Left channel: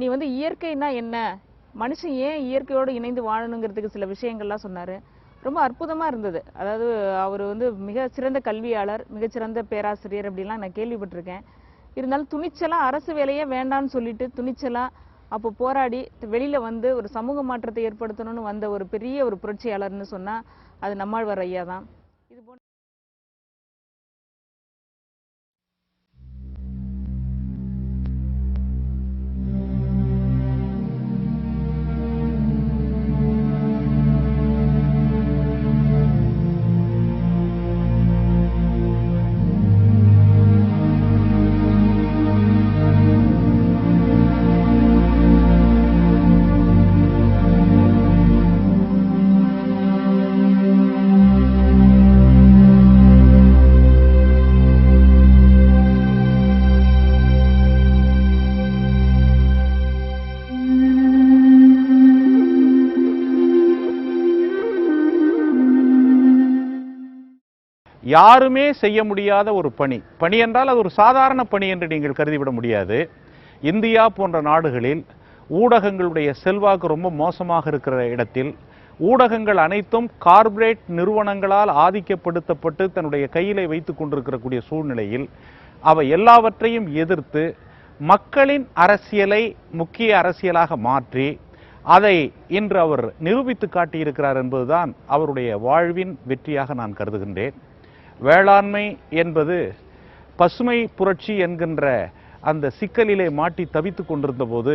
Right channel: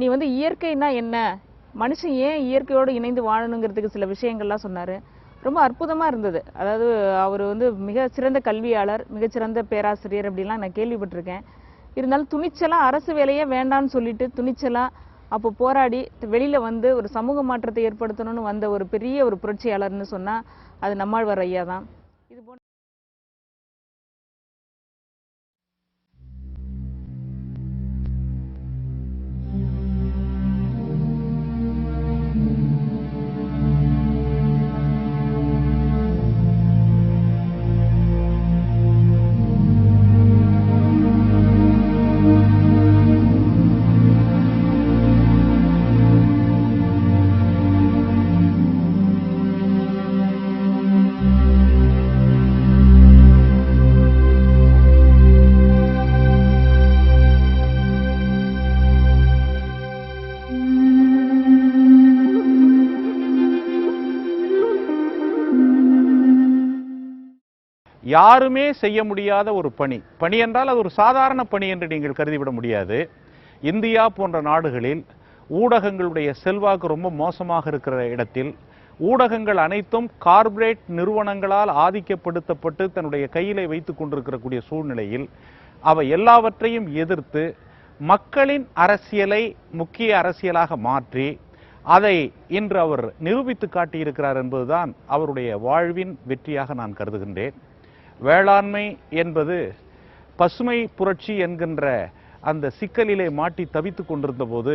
நீ வந்து இயற்கைனா என்ன, மனுஷன் ஏன் இயற்கையோடு இணைந்து வாழணுங்கிறதுக்கு சில விஷயங்கள்லாம் சொன்னார். ரொம்ப அற்புதமாக இருந்தது. அதாவது அவர் வந்து மிக சிறந்த கல்வியாளர், மிகச்சிறந்த பேராசிரியர் அப்படிலாம் நான் கேள்விப்பட்டிருக்கேன். இருந்தாலும் துணிச்சலாக அரசு வேலையே வேண்டான்னு சொல்லிட்டு துணிச்சலாக அப்போ போராடி வெளியில் வந்து ஒரு சமூக மாற்றத்தை ஏற்படுத்தணும்னு வந்த ஒரு பெரிய ஒரு புரட்சியாளர்னு சொன்னால் அது நம்மாழ்வார் ஐயா தான். இது போன்ற யாருமே செய்ய முடியாத ஒரு பணி என்றால் அது ஒரு சாதாரண பணி என்று நீங்கள் கருதிவிட முடியாது. இந்தியா போன்ற நாடுகளில் ஊடகங்களுடைய செல்வாக்கு ரொம்ப மோசமாக இருக்கிற இடத்தில் ஊடகங்கள் அனைத்தும் கார்ப்பரேட் நிறுவனங்களால் ஆதிக்கப்படுத்தப்பட்டு தன்னுடைய கையிலே வைத்துக் கொண்டிருக்கக்கூடிய சூழ்நிலையில் அவை எல்லாவற்றையும் எதிர்த்து மக்களின் அரசியலை முக்கிய அரசியலாக மாற்றி அதை இன்று அவர் நிரூபித்து காட்டியிருக்கிறார் என்பதுதான் அவருடைய வாழ்வின் வெற்றியாக நான் கருதுகின்றேன். வேளாண்மை என்பது பசுமை புரட்சி என்கின்ற அந்த சிக்கலிலே மாட்டி தவித்துக் கொண்டிருந்த போது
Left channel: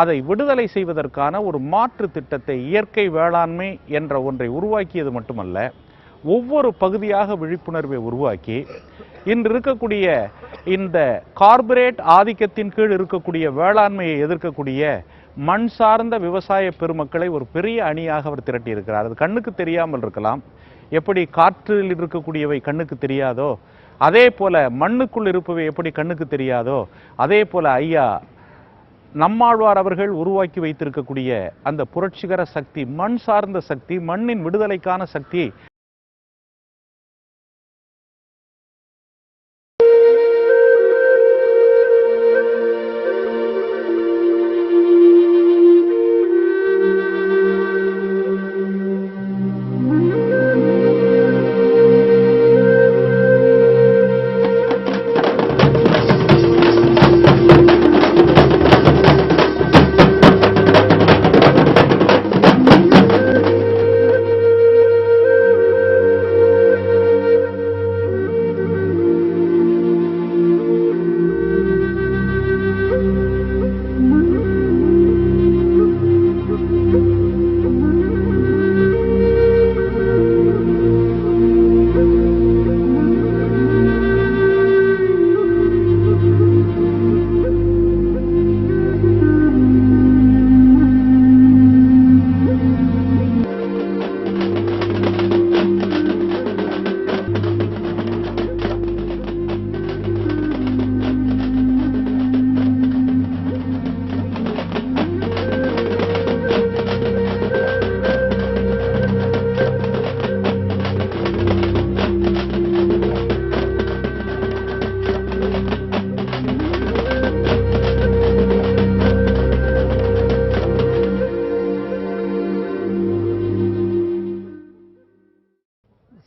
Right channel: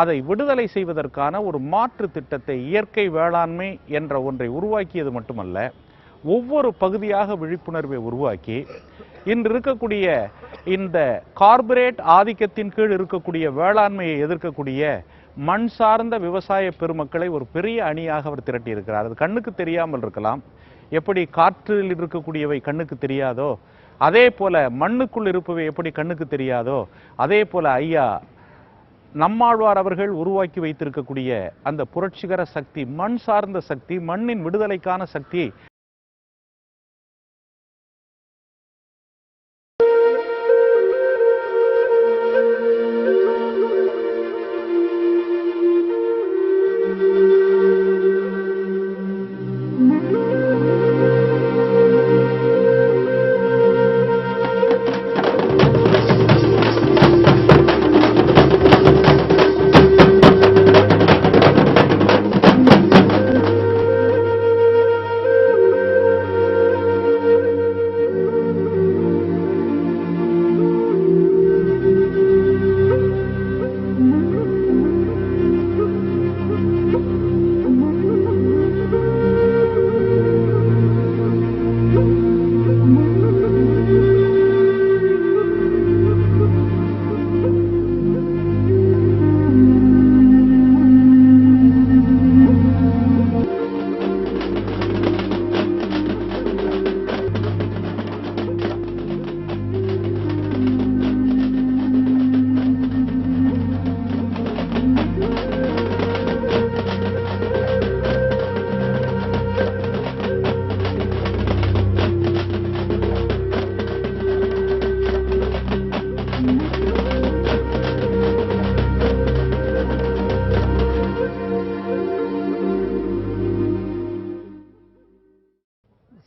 அதை விடுதலை செய்வதற்கான ஒரு மாற்று திட்டத்தை, இயற்கை வேளாண்மை என்ற ஒன்றை உருவாக்கியது மட்டுமல்ல, ஒவ்வொரு பகுதியாக விழிப்புணர்வை உருவாக்கி இன்று இருக்கக்கூடிய இந்த கார்ப்பரேட் ஆதிக்கத்தின் கீழ் இருக்கக்கூடிய வேளாண்மையை எதிர்க்கக்கூடிய மண் சார்ந்த விவசாய பெருமக்களை ஒரு பெரிய அணியாக அவர் திரட்டியிருக்கிறார். அது கண்ணுக்கு தெரியாமல் இருக்கலாம். எப்படி காற்றில் இருக்கக்கூடியவை கண்ணுக்கு தெரியாதோ அதே போல மண்ணுக்குள் இருப்பவை எப்படி கண்ணுக்கு தெரியாதோ அதே போல ஐயா நம்மாழ்வார் அவர்கள் உருவாக்கி வைத்திருக்கக்கூடிய அந்த புரட்சிகர சக்தி, மண் சார்ந்த சக்தி, மண்ணின் விடுதலைக்கான சக்தி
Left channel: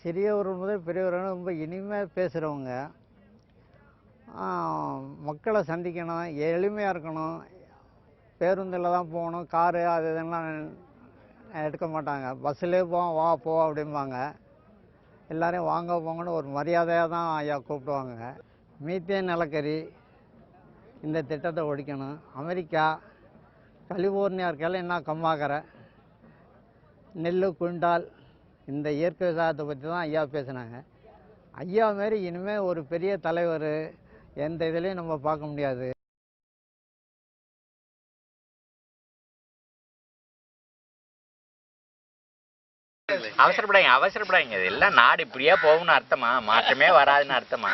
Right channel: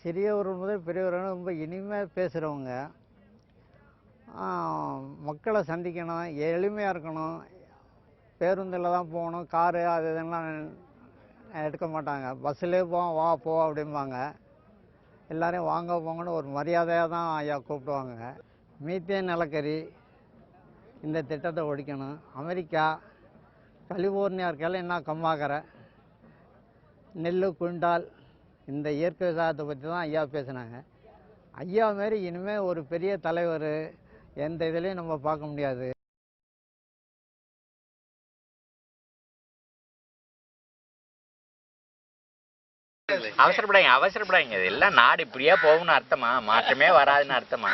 சிறியவர் முதல் பெரியவர் ரொம்ப இனிமையாக பேசுகிறவங்க, மக்களை சந்திக்கணும், எளிமையாக இருக்கணும், பேருந்தில் தான் போகணும், காரு அது இதெல்லாம் எடுக்க மாட்டாங்க. பஸ்ஸிலே போவோம், வா போ அப்படிம்பாங்க. எல்லோரையும் வாங்க போங்கன்னு ஒரு மரியாதையாக தான் ஐயா கூப்பிடுவாங்க. மீத்தேன் நிலக்கரி இந்த திட்டத்தை ஒழிக்கணும். அமெரிக்கா கலிபோர்னியா இருக்கையில் என்ன கம்மாக்கரை, நெல் குண்டால், இந்த இயற்கை விவசாயத்தை பற்றி தான் ஐயா பேசினாங்க. ஐயா மாரி இனிமேல் ஒரு பெரிய தலைவர் எந்த இதுலேயும் நம்ம பார்க்க முடியாது. அவசரப்படாங்க. இதெல்லாம் நாடு இப்படியே போகும்னு அர்த்தமா? மாற்றமே வராதுன்னு அர்த்தமா?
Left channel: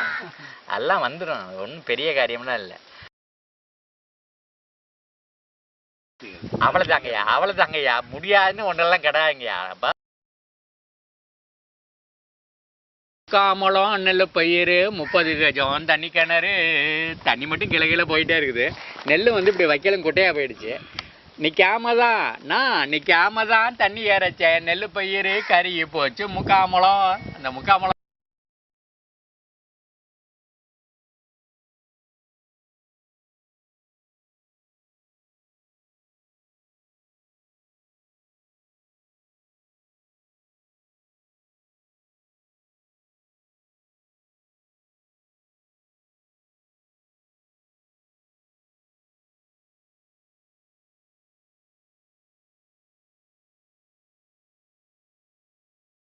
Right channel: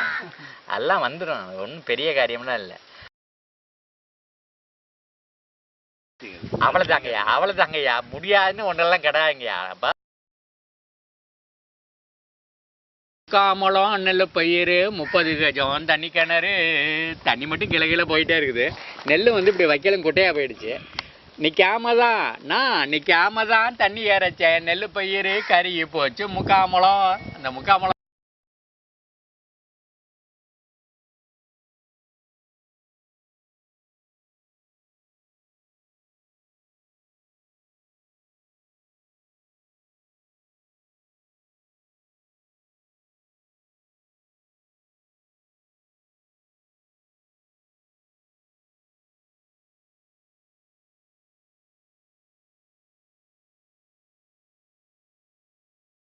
எல்லாம் வந்துடும். ஒன்றும் பெரிய காரியம்லாம் இல்லை. அவ்வளோதாங்கய்யா முடியாதுன்னு ஒன்றெல்லாம் கிடையாதுங்கய்யா. காமலம் நெல் பயிர் 30 கஜம் தண்ணி கிணறு தண்ணி மட்டும் கிள போயிட்டே இருக்குது. நெல் வந்து இப்படி வைக்கலும் குட்டையாக போயிடுச்சு. நிற்காமதான் தண்ணி ஏறச்சேன். நெல் பயிர் கருகி போச்சு. முக்காமலம் அந்த முக்காமலம்